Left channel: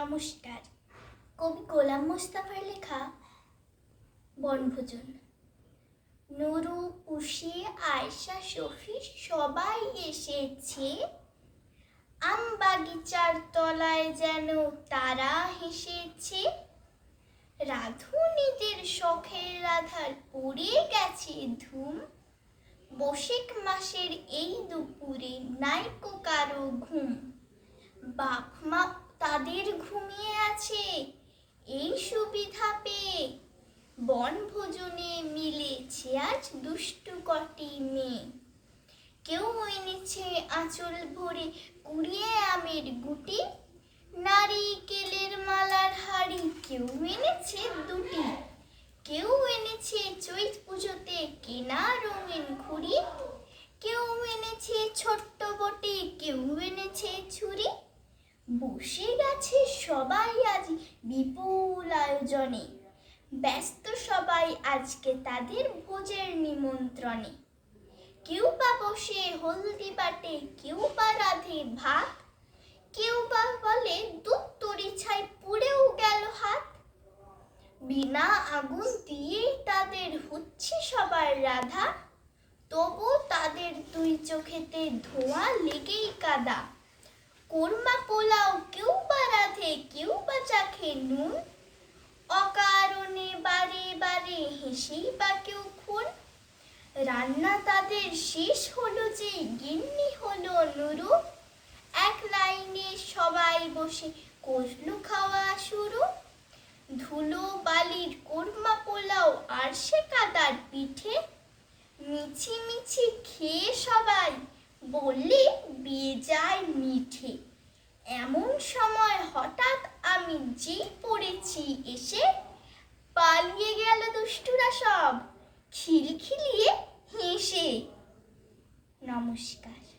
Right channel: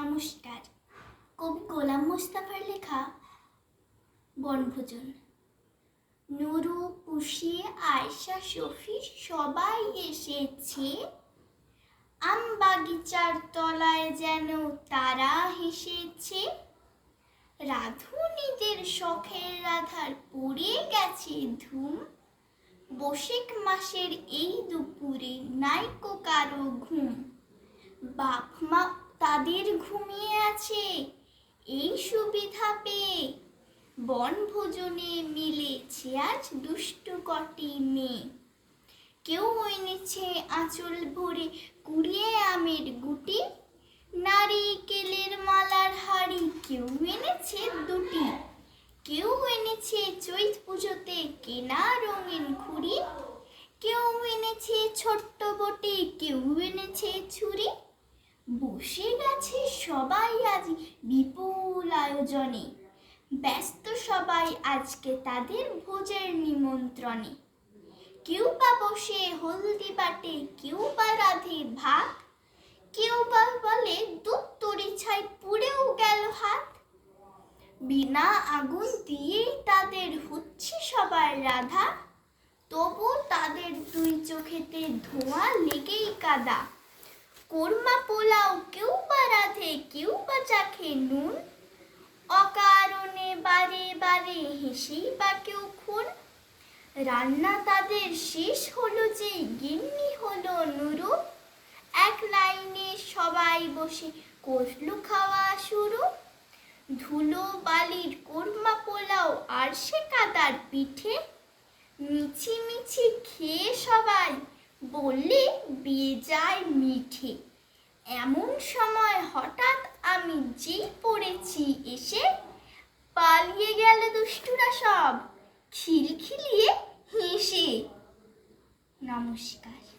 নমস্কার। কবি গোলাম মোস্তাফার লেখা বনভোজন। নুরু পুষি আয়শা, শফি সবাই এসেছে। আম বাগিচার তলায় যেন তারা হেসেছে। রাধুনীদের শখের রাধার পড়ে গেছে ধুম। বসিক মাসের এই দুপুরে নাইকো কারও ঘুম। বাপ মা তাদের ঘুমিয়ে আছে। এই সুবিধা পেয়ে বনভোজনে মিলেছে আজ দুষ্টু কটি মেয়ে। কেউ এনেছে আঁচল ভরে কুড়িয়ে আমের গুটি। নারিকেলের মালার হাড়ি কেউ এনেছে দুটি। কেউ এনেছে চৈত পুজোতে কেনা রঙিন ঘুড়ি। কেউ এনেছে ছোট্ট বটে, কেউ এনেছে ছুরি। বসে গেছে সবাই আজ বিপুল আয়োজনে। ব্যস্ত সবাই আজকে তাদের ভোজের নিমন্ত্রণে। কেউ বা বসে হলদি বাটে, কেউ বা রাধে ভাত, কেউ বা বলে দুধ তরি ছাই পুড়েও গেল হাত। বিনা আগুন দিয়েই তাদের হচ্ছে সবার রাধা তবু তাদের দুই চোখেতে ধোঁয়া লেগেই কাদা। কোরমা পোলাও কেউ বা রাধে, কেউ বা চাখে নুন। অকারণে বারে বারে হেসেই বা কেউ খুন। রান্না তাদের শেষ হলো যে গিন্নি হলো নুরু। এক লাইনে সবাই বসে কষলু খাওয়া শুরু। ধুলো বালির কোরমা পোলাও আর সে কাদার পিঠে। মিছি মিছি খেয়ে সবাই বললে বেজায় মিঠে। এমন সময় হঠাৎ আমি যে পড়েছি এসে পালিয়ে গেল দুষ্টুরা সব। খিলখিলিয়ে হেসে, নমস্কার।